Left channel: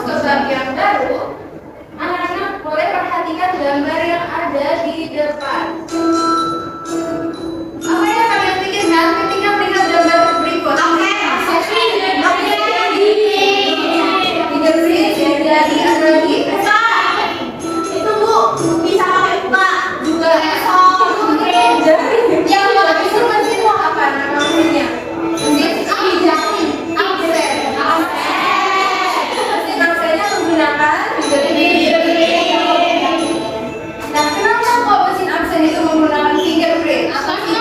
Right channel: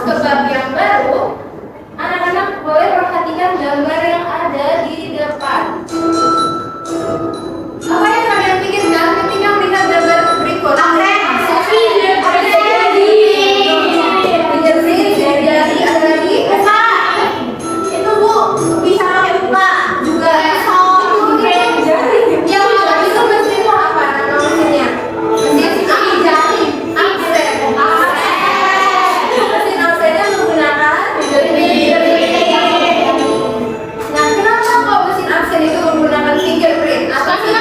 masuk ke bab yang baru, anak-anak boleh perhatikan gambar yang ada di depan. Apa yang kalian pikirkan ketika melihat gambar berikut? Fingerprint, jari, ada lagi? Itu Bu, bisa pakai buka juga. Yang lengkap itu mesinnya apa nama mesinnya? Mesin jari. Mesin aksennya menggunakan fingerprint. Nah, kenapa kok mesin aksen itu menggunakan fingerprint? Apa sih?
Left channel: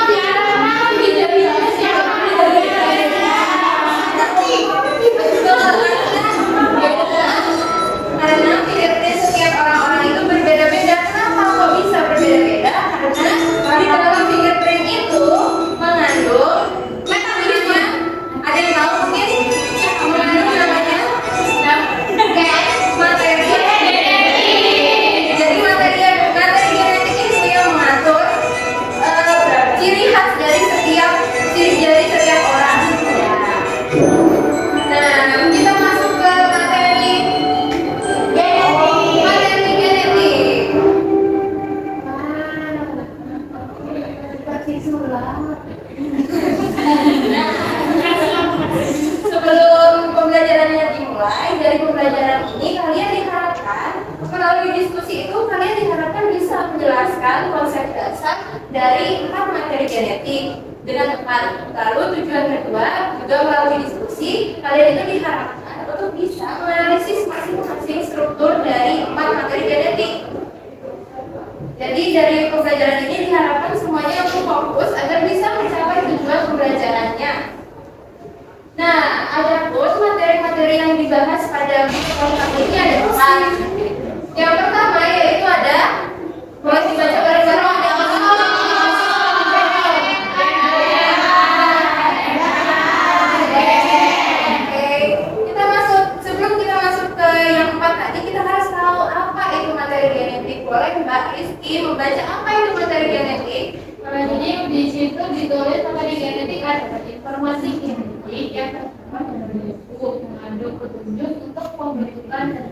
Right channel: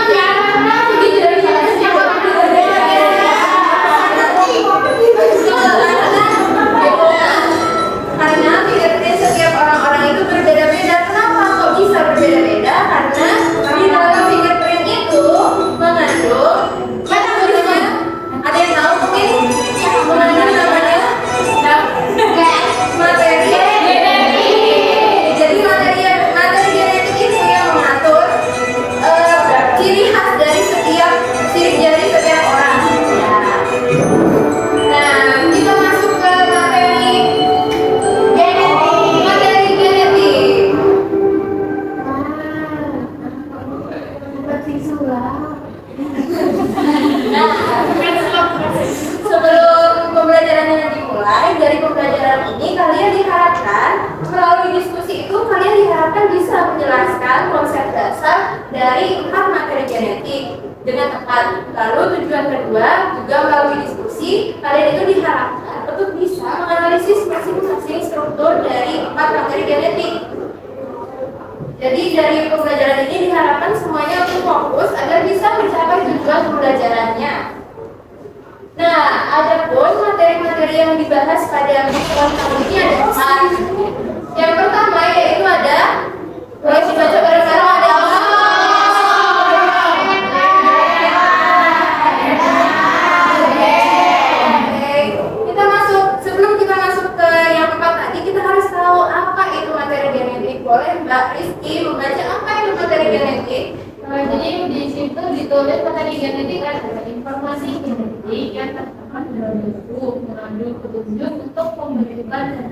Karena fingerprint setiap orang-orang itu berbeda-beda. Kenapa kok bisa berbeda-beda? Karena di dalam fingerprint itu mengandung namanya, ada yang tahu mungkin? Mengandung namanya materi genetik. Jadi materi genetik itu yang mengatur ciri khas dari setiap orang. Nah, kita masuk ke materi genetik. Seperti sulap. Sebelum pembelajarannya dimulai, dari pembelajaran ini kalian diharapkan melalui diskusi itu kalian diharapkan bisa menjelaskan konsep dasar dari 4 materi genetik dengan tepat. Lalu tujuan kedua juga melalui diskusi kalian itu diharapkan untuk bisa menganalisis masing-masing struktur dari 4 materi genetik. Jadi dari pembelajaran ini diharapkan semuanya untuk fokus agar bisa mencapai tujuan pembelajarannya. Nah, adapun materi-materi yang dibahas pada mingguan kali ini ada 4. Yang pertama yaitu ada, boleh dibaca bareng-bareng, ada sebelum kita masuk ke yang 4 tadi, kita harus tahu apa itu materi genetik. Boleh Mbak Rizky membaca apa itu materi genetik? Jadi di situ ditulis materi genetik adalah informasi genetik yang terdapat dalam buku mengandung petunjuk untuk pembentukan dan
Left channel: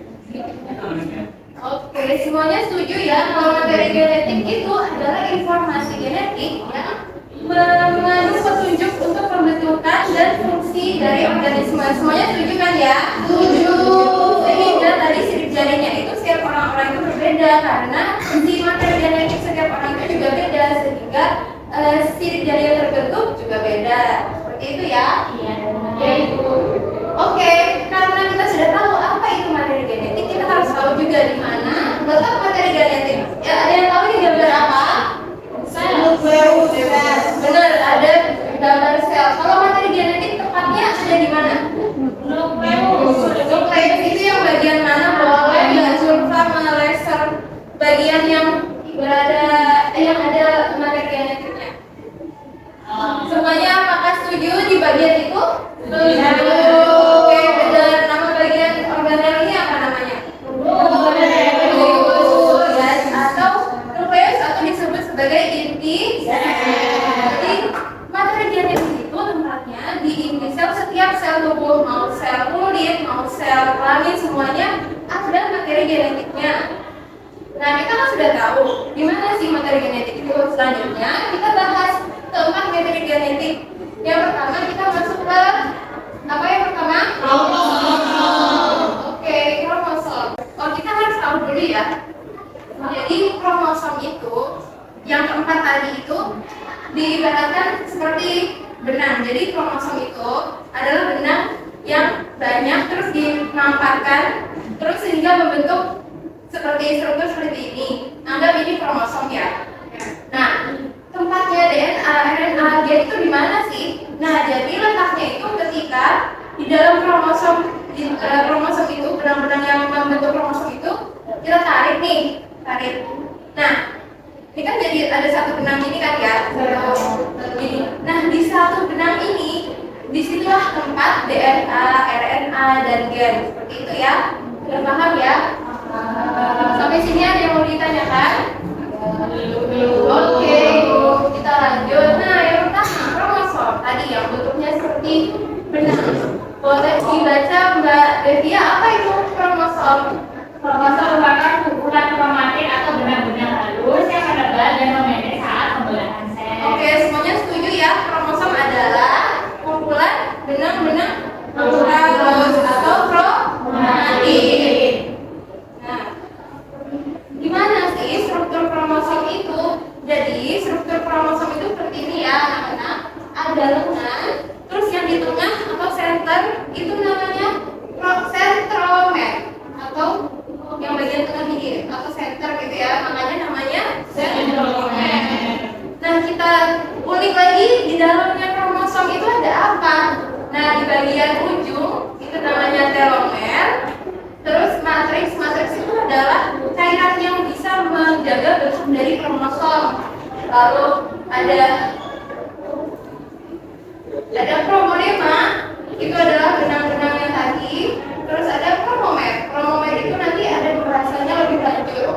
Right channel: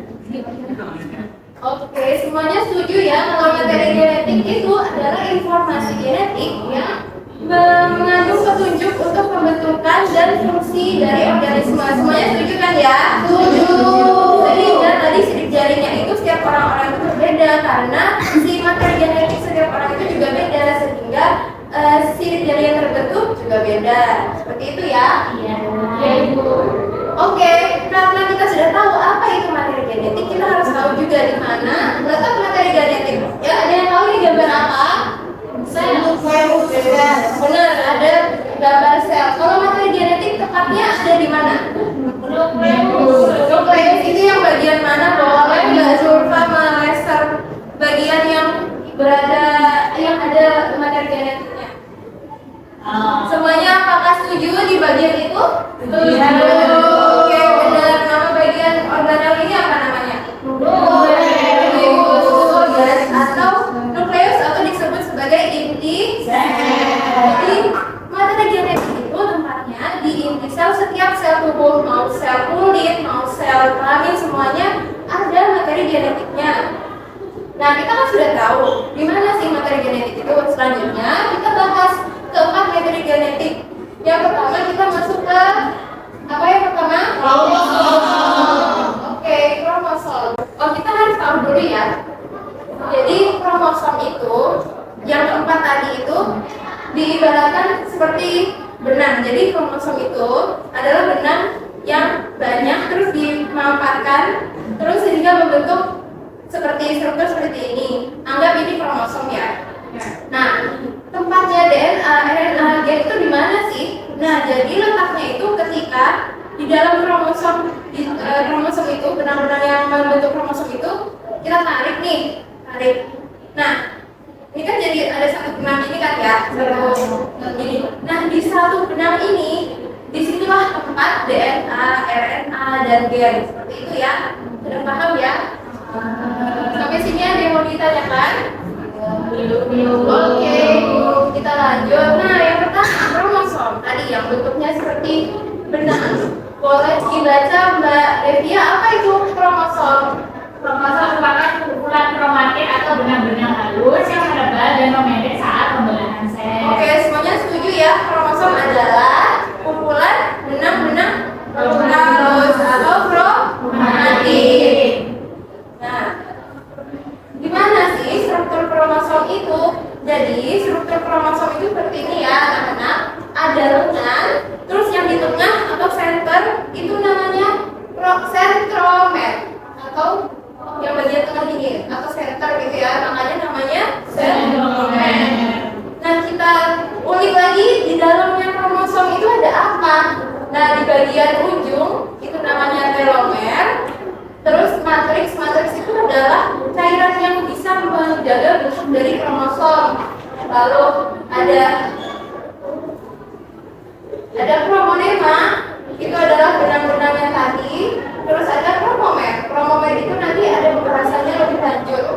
Oke, semuanya setuju ya kalau materi genetik itu adalah informasi genetik yang mengandung petunjuk untuk pembentukan dan fungsi dari organisme. Semuanya setuju kan ya? Setuju. Sehingga tadi sidik jarinya itu setiap orang-orang itu berbeda karena si materi genetik setiap orang itu juga beda, sehingga sidik jari yang terbentuk juga beda. Seperti itu ya? Iya. Ya Ibu. Oke, karena kita sudah tahu apa itu materi genetik, kita harus tahu juga di mana letak materi genetik. Ya, ada yang tahu ini gambar apa? Benar, ada gambar sel. Kalau materi genetik tepatnya ada di mana? Nukleus itu yang bagian mana? Boleh nggak Zulfa meleser bagian yang yang ada materi genetiknya? Semuanya apakah setuju di bagian itu? Setuju. Oke, benar. Nama bagian organel ini apa namanya? Nukleus atau nukleus atau disebut sebagai inti sel. Jadi materi genetik itu tempatnya di inti sel setiap sel tubuh, mau sel kulit, mau sel kelamin, semuanya ada materi genetiknya. Nah, kita kan sudah tahu di mana sih materi genetik itu. Selanjutnya kita bahas keempat materi genetik. Yang pertama kita masuk ke apa yang pertama? Kromosom. Oke, kromosom. Oh, kita harus tahu dulu ya. Jadi kromosom itu yang keempat tadi itu diibaratkan seperti benang. Jadi kromosom itu adalah benang yang banyak terus dimamparkan terus sehingga membentuk seperti struktur seperti ini. Anggap ini kromosom ya. Nah, tempatnya DNA, RNA, gen itu di mana sih? Nah, jadi letaknya itu ketika di dalam kromosom itu, benang-benang yang membentuk kromosom itu kita tarik. Nah, ini kan jadi ada satu benang ini kan ya, ini. Nah, di satu benang ini, disitulah tempat DNA, RNA, dan gen. Seperti itu ya. Sudah paham ya? Sampai sini ada yang mau ditanyakan? Oke, kita lanjut. Nah, yang pertama kromosom tadi yang bentuknya seperti benang. Boleh dibaca Mbak Devia, apa itu kromosom? Lalu ada kromonema, itu adalah benang-benang yang tadi. Terus ada kromomer. Kromomer itu nanti ada pembahasannya lebih lanjut.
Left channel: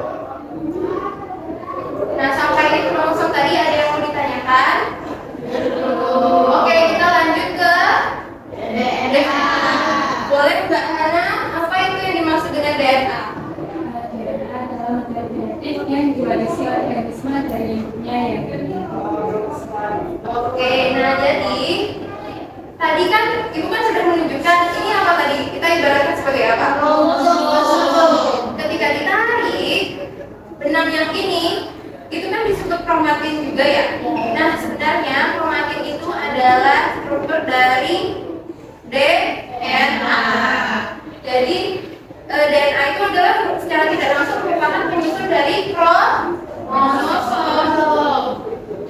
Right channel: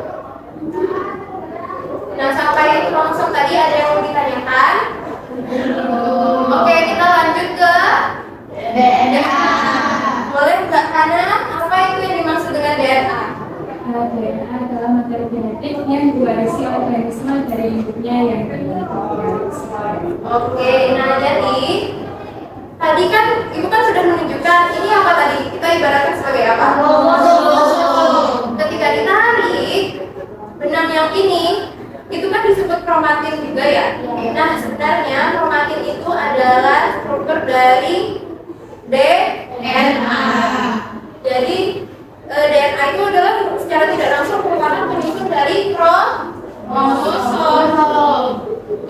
Nah, sampai di kromosom tadi ada yang mau ditanyakan? Oke, kita lanjut ke DNA. Boleh Mbak Hana, apa itu yang dimaksud dengan DNA? DNA adalah materi genetik yang diwarisi organisme dari ibunya yang Oke, nah jadi tadi kan Ibu kan sudah menunjukkan ini apa tadi? Kita ibaratkan sebagai apa? Ketika ditarik benang yang ini itu kan disebut kromatin juga ya. Nah, sebenarnya kromatin itu adalah struktur dari DNA. Jadi DNA itu adalah secara tidak langsung merupakan penyusun dari kromosom.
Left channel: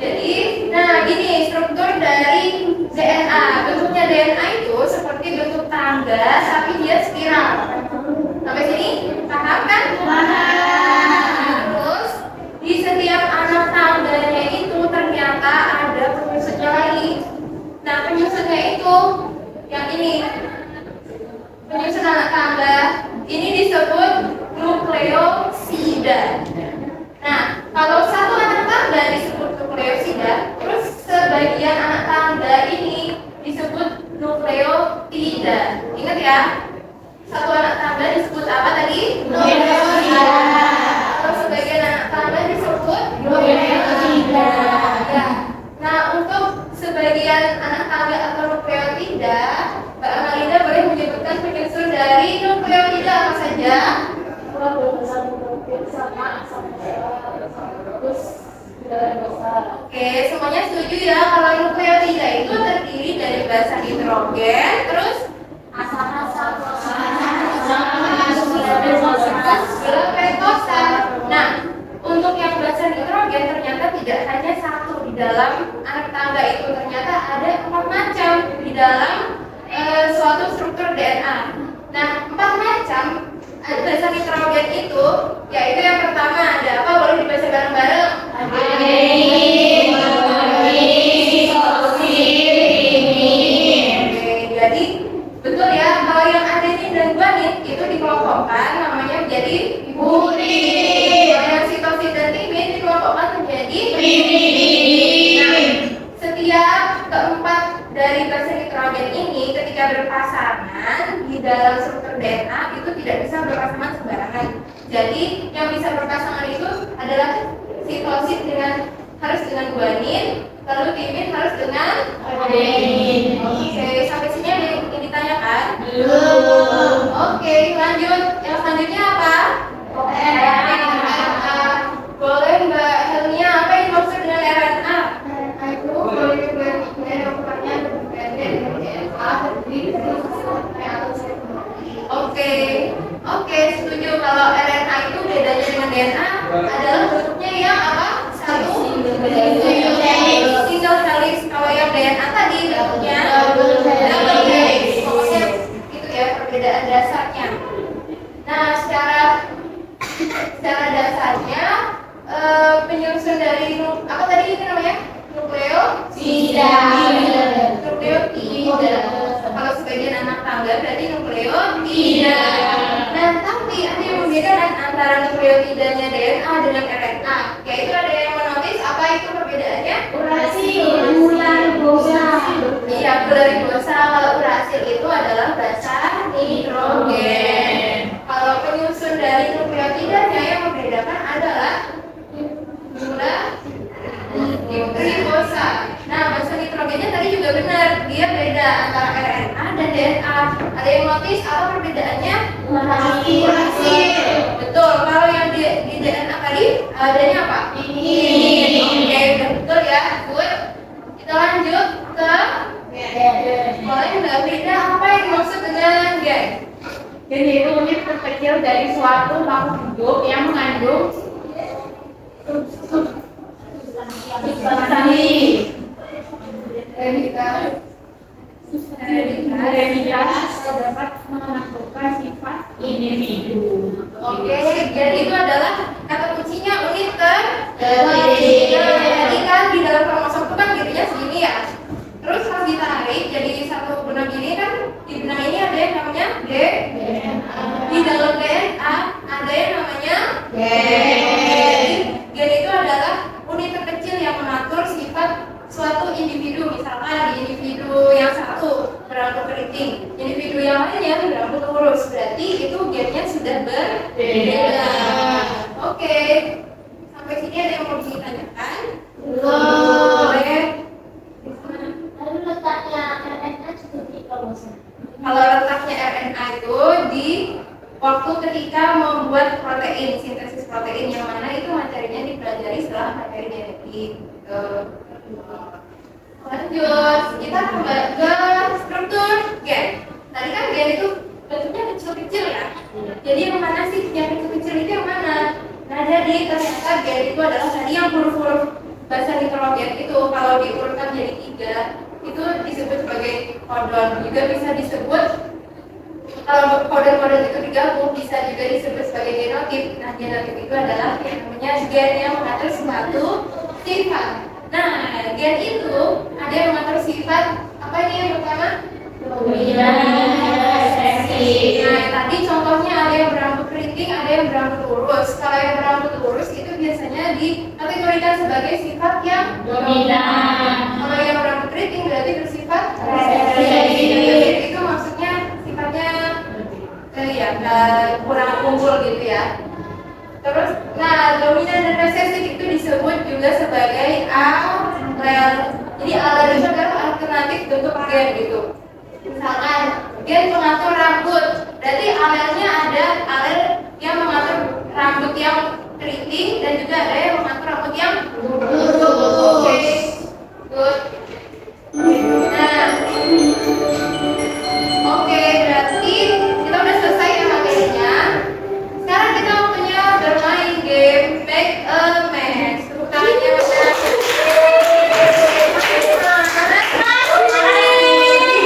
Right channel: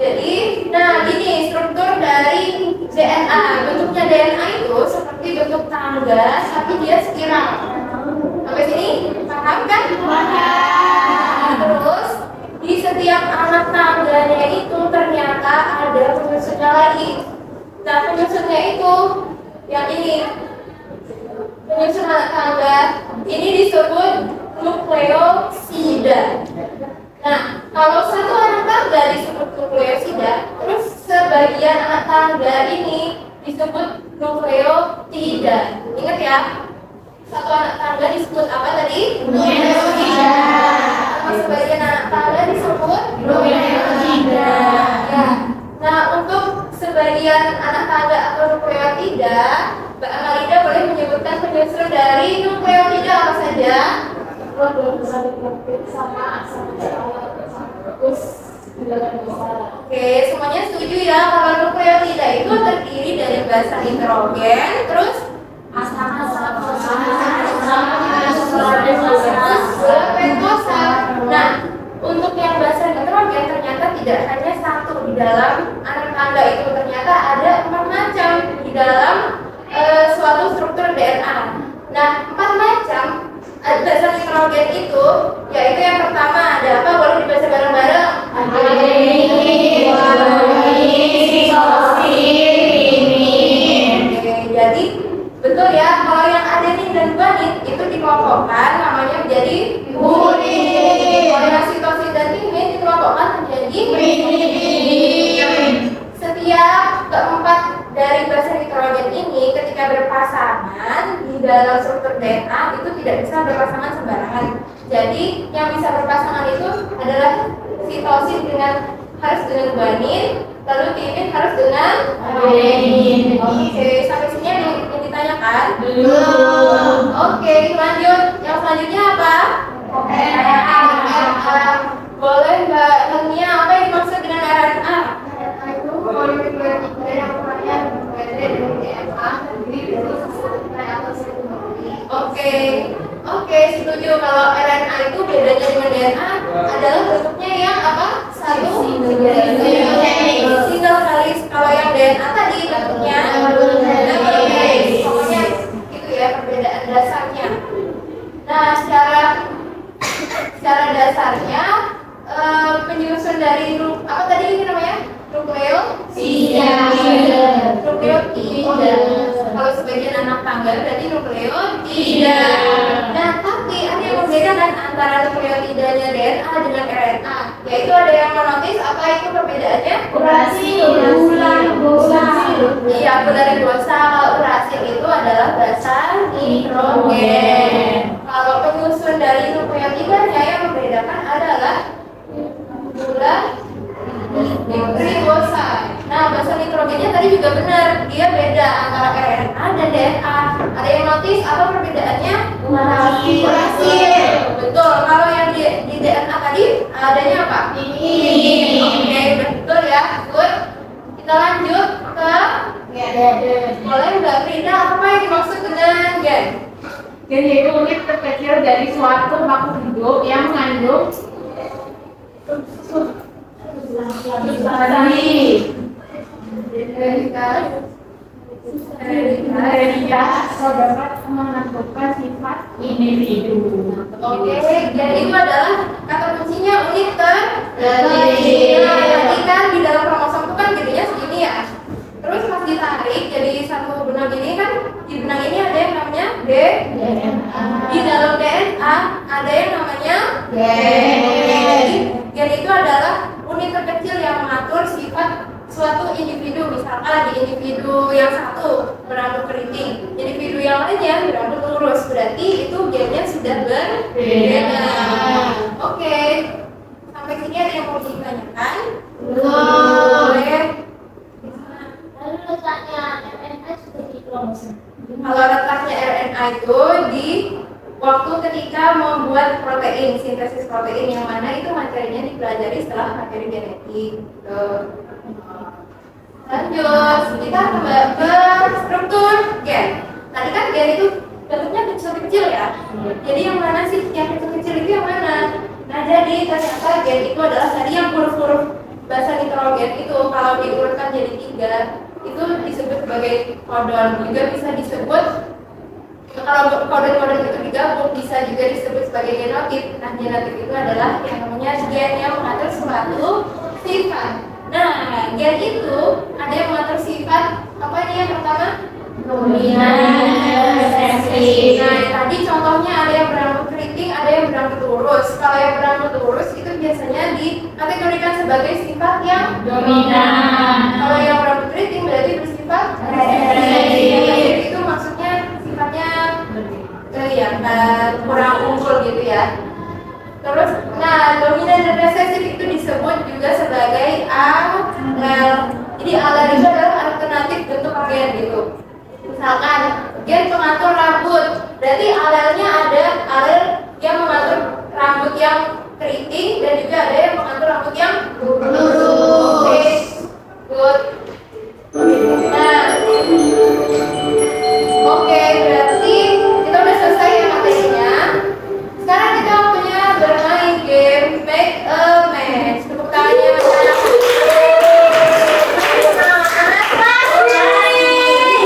Jadi, nah ini struktur dari DNA. Bentuknya DNA itu seperti bentuk tangga, tapi dia spiral. Sampai sini paham kan? Paham. Terus di setiap anak tangganya itu ternyata ada penyusunnya lagi. Nah, penyusunnya itu yang ini. Penyusun anak tangga ini disebut nukleosida. Nah, kalau satu anak tangga disebut nukleosida, terus sebagian anak tangga ini disebut nukleotida. Ingat ya, satu anak tangga disebut apa tadi? Nukleosida. Kalau sebagian anak tangga disebut nukleotida. Ya. Nah, untuk sebagian anak tangga atau nukleotida, Mbak Amalinda boleh menyebutkan penyusun dari nukleotida apa saja? Oke, semuanya setuju ya kalau nukleotida itu terdiri dari basa nitrogen, terus gula pentosa. Nah, untuk yang basa nitrogen ternyata tidak hanya satu di dalam anak tangga itu, ternyata ada 4 macam di dalam suatu struktur DNA. Nah, 4 macam basa nitrogen itu, yaitu yang pertama ada apa? Boleh dibaca bareng-bareng. Oke, jadi betul ya, kalau yang adenin dan guanin itu dikelompokkan namanya menjadi urin. Kalau yang sitosin dan timin dikelompokkan menjadi pirimidin. Setiap keempat dari basa nitrogen ini ketika berpasangan di dalam struktur DNA itu tidak bisa berpasangan sembarangan. Jadi yang bisa berpasangan itu adalah sitosin harus dengan guanin, lalu timin harus dengan adenin. Oke, sampai sini ada yang ditanyakan? Belum. Oke, lanjut. Yang selanjutnya apa? RNA. Boleh Mbak Helmia, apa yang dimaksud dengan RNA? Itu polimerase yang namanya DNA terdiri dari atau Oke, setuju. Kalau RNA itu bedanya dengan DNA adalah bentuknya yang apa? Satu single helix. Kalau yang DNA tadi bentuknya double helix. Pokoknya itu ya perbedaan dasarnya. Nah, secara dasarnya penyusun dari apa tadi ini namanya? Nukleotida. Kalau sebagian anak tangga berarti nukleotida. Nah, tapi ada yang membedakan antara nukleotidanya DNA dengan RNA, yaitu ada yang menotis apa itu perbedaannya? Urasil. Iya, bular ribosa. Kalau urasil itu adalah basa nitrogen. Kalau penyusun dari nukleotidanya yang membedakan adalah bular ribosa. Nah, basa nitrogennya tadi juga benar, dia beda antara RNA dan DNA. Ada yang notice apa perbedaannya? Urasil. Betul. Kalau yang di DNA tadi adanya apa? Ini. Oke, udah betul ya. Good. Kita lanjut ke gen. Boleh Mbak Frida, apa yang dimaksud dengan gen? Gen itu unit terkecil dari suatu makhluk hidup yang mengandung substansi hereditas dapat menentukan sifat individu. Oke, gen itu adalah kata kunci fungsinya unit tadi kan di dalam kromosom itu kan gedenya segini ya. Terus pas ditarik jadi satu benang ini kan, di benang ini ada yang namanya di dalam DNA ada yang namanya gen. Gen itu adalah unit terkecil yang mengatur sifat suatu individu. Misalkan di individu yang satu berambut keriting, individu yang lainnya berambut lurus, berarti itu gennya sudah berbeda. Oke, sampai sini ada yang mau ditanyakan? Boleh. Lalu letaknya RNA seperti kromosom. Kalau letaknya RNA itu di waktu ketika membuat protein, sintesis protein, yang mana itu materinya dipelajari setelah materi genetik. Gitu. Lanjut, kita kembali ke struktur gen. Tadi kan gen itu bentuknya kecil-kecil ya. Jadi yang mana sih yang kecil-kecil itu yang mana? Nah, jadi ternyata gen itu adalah tadi yang huruf-huruf bahasa nitrogen itu kalau diurutkan jadi 3 itu disebut sebagai kodon. Juga bisa disebut, kalau kodon-kodon itu digabung bisa juga disebut sebagai genotip. Nah, genotip itu adalah yang namanya gen yang mengatur suatu sifat. Nah, gen itu ada yang mengatur sifat apa ini yang pertama? Dominan, resesif. Nah, tadi contohnya ada yang berambut keriting, ada yang berambut lurus. Kalau yang berambut lurus itu biasanya dikategorikan sebagai sifat yang Dominan. Kalau yang berambut keriting berarti bersifat Resesif. Itu maksudnya sifatnya kurang unggul gitu ya. Terus, nah, dominan dan resesif itu disebut juga sebagai alel. Jadi alel itu adalah alternatif bentuk gen gitu. Misalkan gen pengatur rambut, berarti alelnya ada alel yang mengatur rambut yang keriting dan juga ada yang mengatur rambut yang lurus. Oke, good. Nah, oke, berarti kita udah selesai ya materinya. Sekarang kita punya bermain game Make a Match. Tepuk tangannya mana?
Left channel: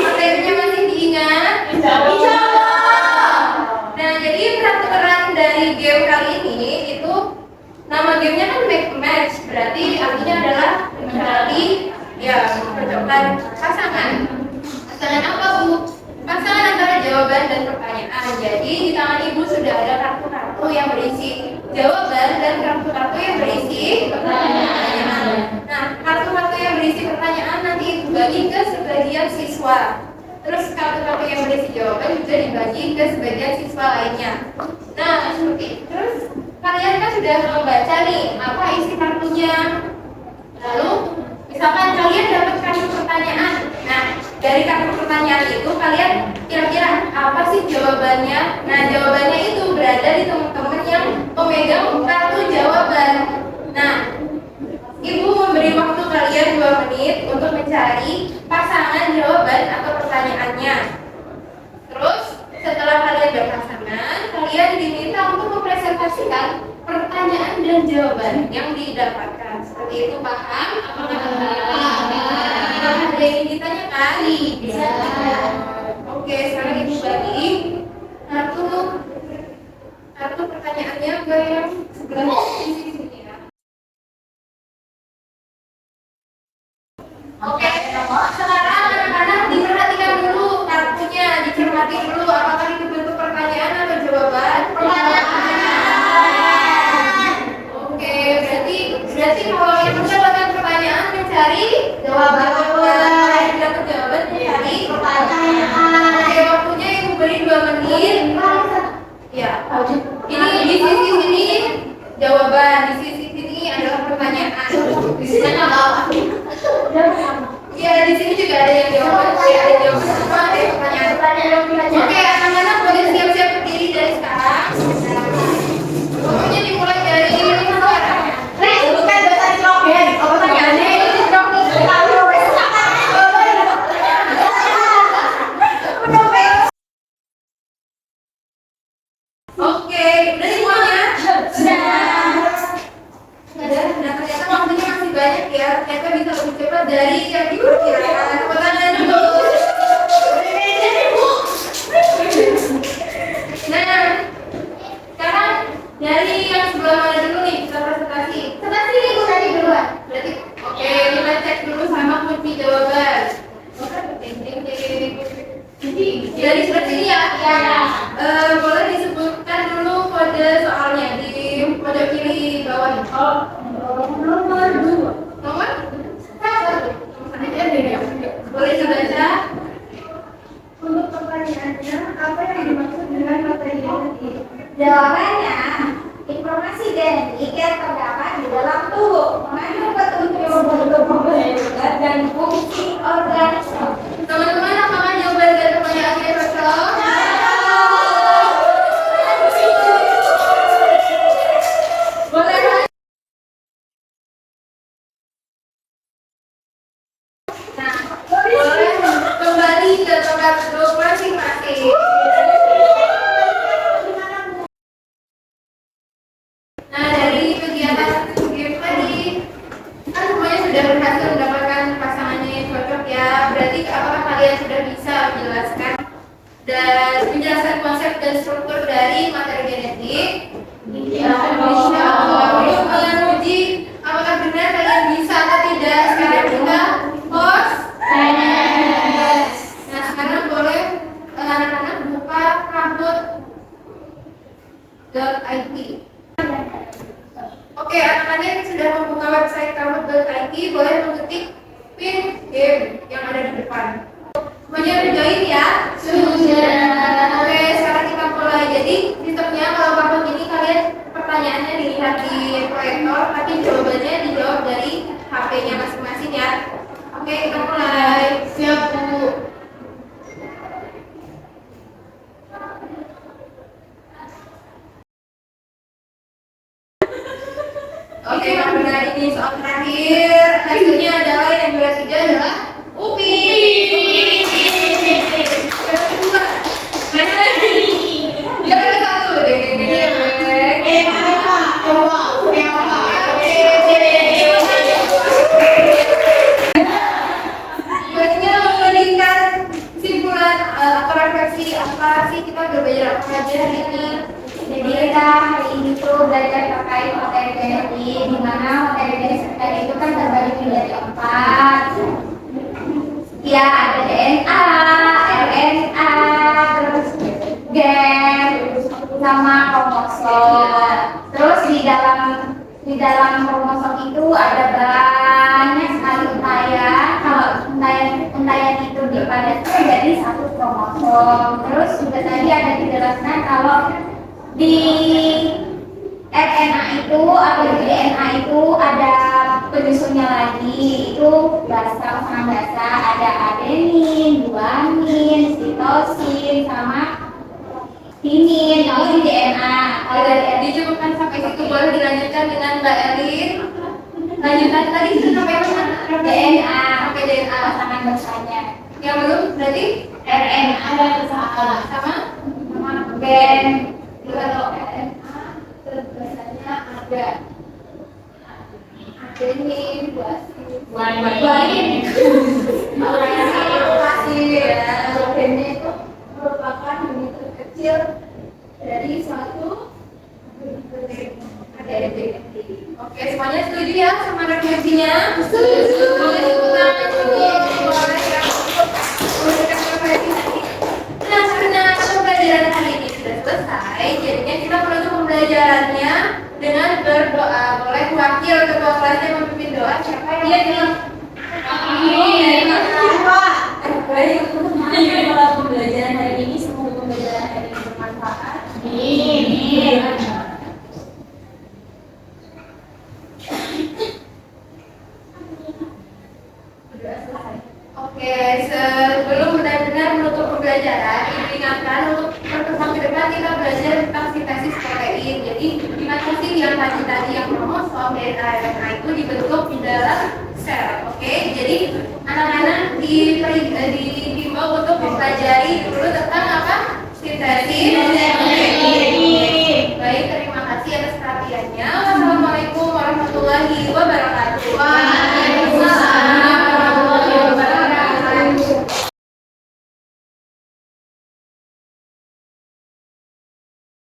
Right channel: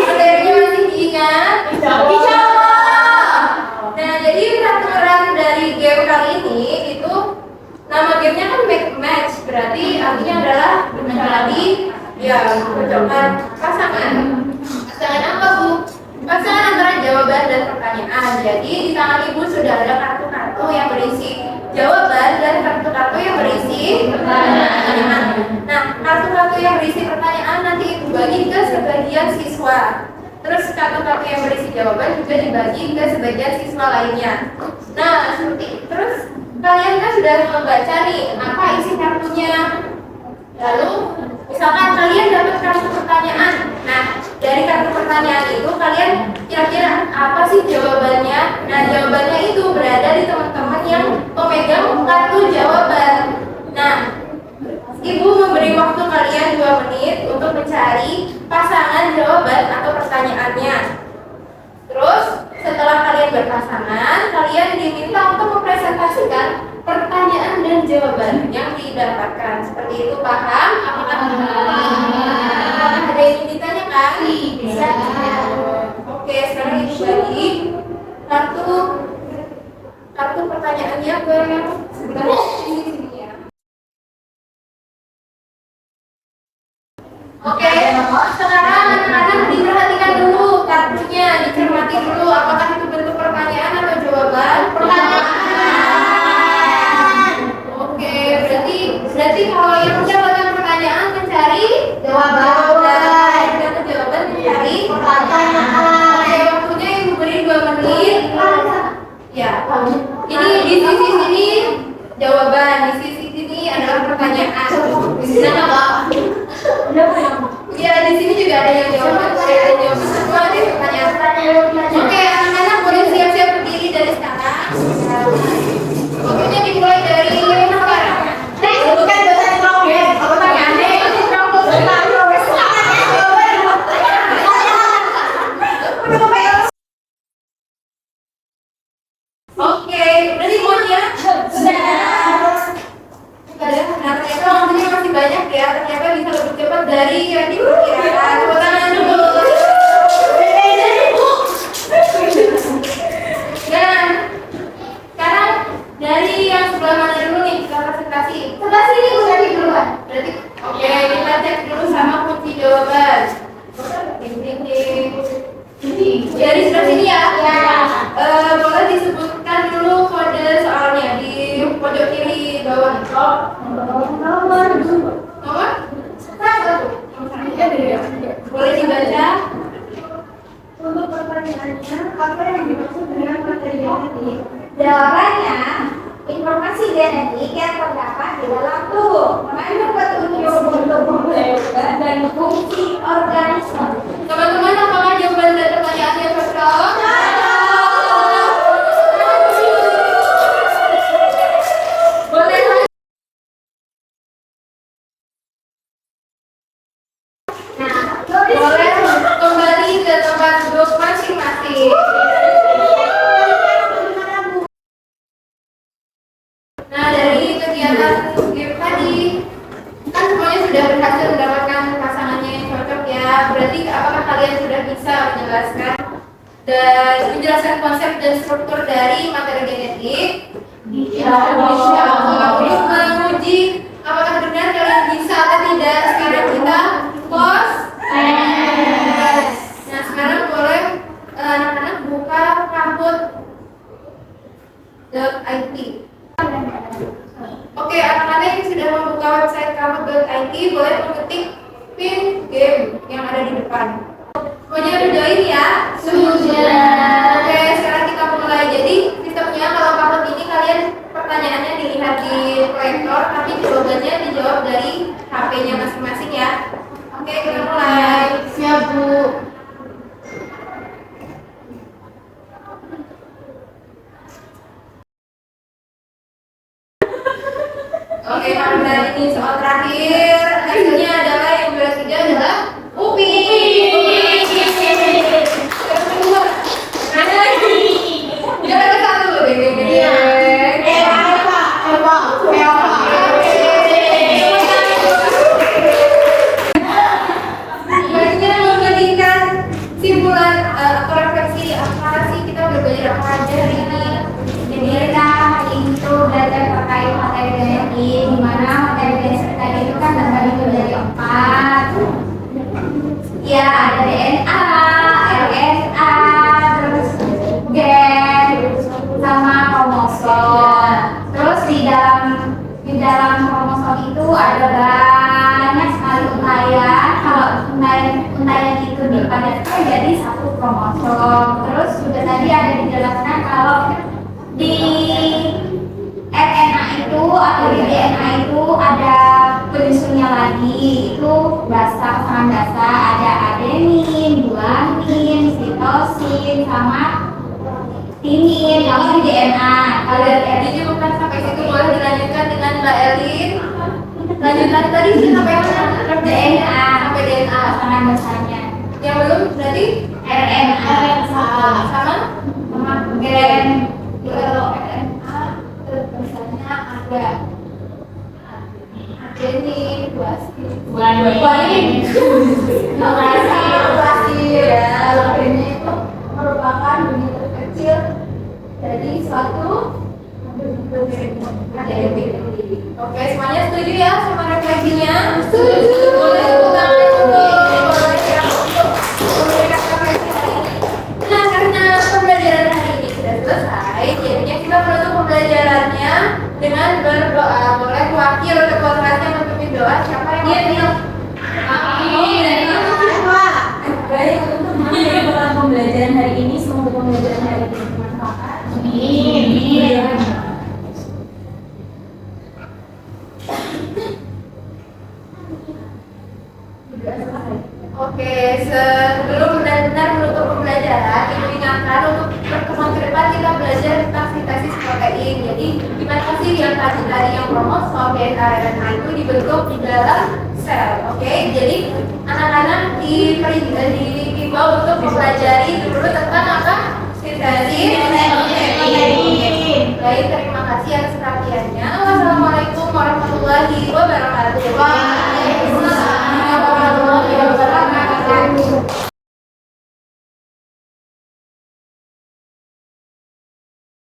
Materinya masih diingat? Bisa. Nah, jadi peraturan dari game kali ini itu nama gamenya kan Make a Match, berarti artinya adalah mencari cocokkan pasangan. Pasangan apa, Bu? Pasangan antara jawaban dan pertanyaan. Jadi di tangan Ibu sudah ada kartu-kartu yang berisi jawaban dan kartu-kartu yang berisi pertanyaan. Nah, kartu-kartu yang berisi pertanyaan nanti Ibu bagi ke sebagian siswa. Terus kartu-kartu yang berisi jawaban juga dibagi ke sebagian siswa lainnya. Nah, terus kalian kan sudah membaca nih apa isi kartunya. Lalu misalkan kalian dapat kartu pertanyaan. Nah, dari kartu pertanyaan itu kalian kira-kira apa sih jawabannya? Nah, jawabannya itu berada di teman-teman yang memegang kartu jawaban. Nah, Ibu memberi waktu kalian 2 menit untuk mencari pasangan jawaban atau pertanyaannya. Terus setelah kalian berpasangan, kalian diminta untuk mempresentasikan pertanyaan dan jawaban yang didapatkan. Seperti itu, paham? Apakah ada yang ingin ditanyakan? Bisa. Oke, sekarang Ibu bagi kartu pertanyaannya ke sebelah sini ya. Oke, sekarang anak-anak diperhatikan dulu kartunya, dicermati dulu apakah itu bentuk pertanyaan atau jawaban? Pertanyaan. Oke, berarti kalau yang mendapatkan pertanyaan mencari jawaban, yang dapat jawaban mencari pertanyaan. Oke, waktunya Ibu beri 2 menit. Ya, ini di sisi sini jawaban, di sisi sini adalah pertanyaan. Ya, di sini juga ada yang jawaban, ada jawaban semua, ada yang pertanyaan. Oke, anak-anak boleh siap-siap berdiri dari sekarang. Waktunya dimulai dari sekarang. Bukan bahasa Nitrogen, pertanyaannya itu Oke, udah semuanya? Ternyata waktunya masih banyak ya. Ternyata bisa lebih cepat dari yang diperkirakan. Tepuk tangan dulu. Nah, sekarang dari yang sebelah mana dulu nih? Kita Berarti oke, kita cek dulu sama kunci jawaban. Ding ding ding. Jadi seperti ini ya. Boleh disebutkan dulu kode soalnya di pojok kiri bawah. Nomor 2. Nomor? Boleh dibaca? Untuk pertanyaannya, apa yang dimaksud dengan materi genetik? Jawabannya, informasi genetik yang terdapat di dalam tubuh mengandung petunjuk untuk pembentukan dan fungsi organisme. Teman-teman, apakah jawaban dari pertanyaannya cocok? Boleh. Nah, Boleh kembali ke tempat duduk masing-masing. Nah, dari kegiatan game tadi kan semuanya sudah berhasil mendapatkan pasangannya yang cocok ya. Berarti apakah kalian sudah bisa menjelaskan konsep dan struktur dari materi genetik? Insya Allah. Untuk menguji apakah benar kalian bisa atau tidak, sekarang kita pos. Nah, sekarang boleh anak-anak buka kahoot.it. Oke, anak-anak yang sudah membuka website kahoot.it boleh mengetik pin game yang ada di depan. Semuanya udah join ya? Sudah. Oke, sekarang kita mulai. Jadi sistemnya kalau kahoot ini kalian pertanyaannya dilihat di proyektor, tapi jawabannya dijawab dari HP-nya masing-masing ya. Oke, kita mulai. Siap, Bu. Oke, karena ini soal terakhir, hasilnya adalah yang juara 3 adalah Upi. Yang kedua, mana lagi? Juara 1. Deng deng deng. Sebaiknya memberikan simpulan atau refleksi apa sih kita udah belajar apa aja hari ini. jadi kita hari itu belajar terkait materi genetik, di mana materi genetik tadi itu kan terbagi menjadi 4. Ya, ada DNA, RNA, terus gen, sama kromosom. Terus di dalam kromosom itu ada banyak sekali untayan. Kalau untayan itu dipadatkan jadi satu kromosom. Terus juga tadi ada dijelaskan kalau di RNA itu atau di DNA itu ada penyusunnya lagi, itu pasangan dasar, ada adenin, guanin, sitosin, sama timin. Kalau di DNA Dijemputkan sampai situ, boleh dilanjutkan dengan Mbak Elin. Lanjutkan tadi sampai mana? DNA Sampai DNA. pasangan dasarnya, Yang belum berarti RNA sama? sama gen. Kalau RNA biasanya ada adenin, guanin, ya. Kalau gennya itu merupakan unit terkecil dari suatu ADN. Oke, semuanya setuju ya sama refleksinya? Setuju. Boleh tepuk tangan dulu. Boleh ya untuk memberikan refleksi tadi. Nah, karena pembelajaran hari ini sudah selesai, jadinya kita menutup pembelajarannya dengan berdoa. Boleh wakil ketua kelasnya memimpin doa. Siapa yang mau? Amin. Baik, untuk mengakhiri pembelajaran hari ini, semoga pembelajaran hari ini bermanfaat. Amin. Oke, sebelum benar-benar menutup pembelajaran, Ibu ingatkan untuk pertemuan ke depan kita belajar tentang sintesis protein. Jadi, gimana sih yang tadi yang kromosom, DNA, RNA itu dibentuk di dalam sel. Oke, jadi anak-anak dihimbau untuk mempelajari dulu tentang apa? Sintesis protein. Baik, terima kasih atas perhatiannya.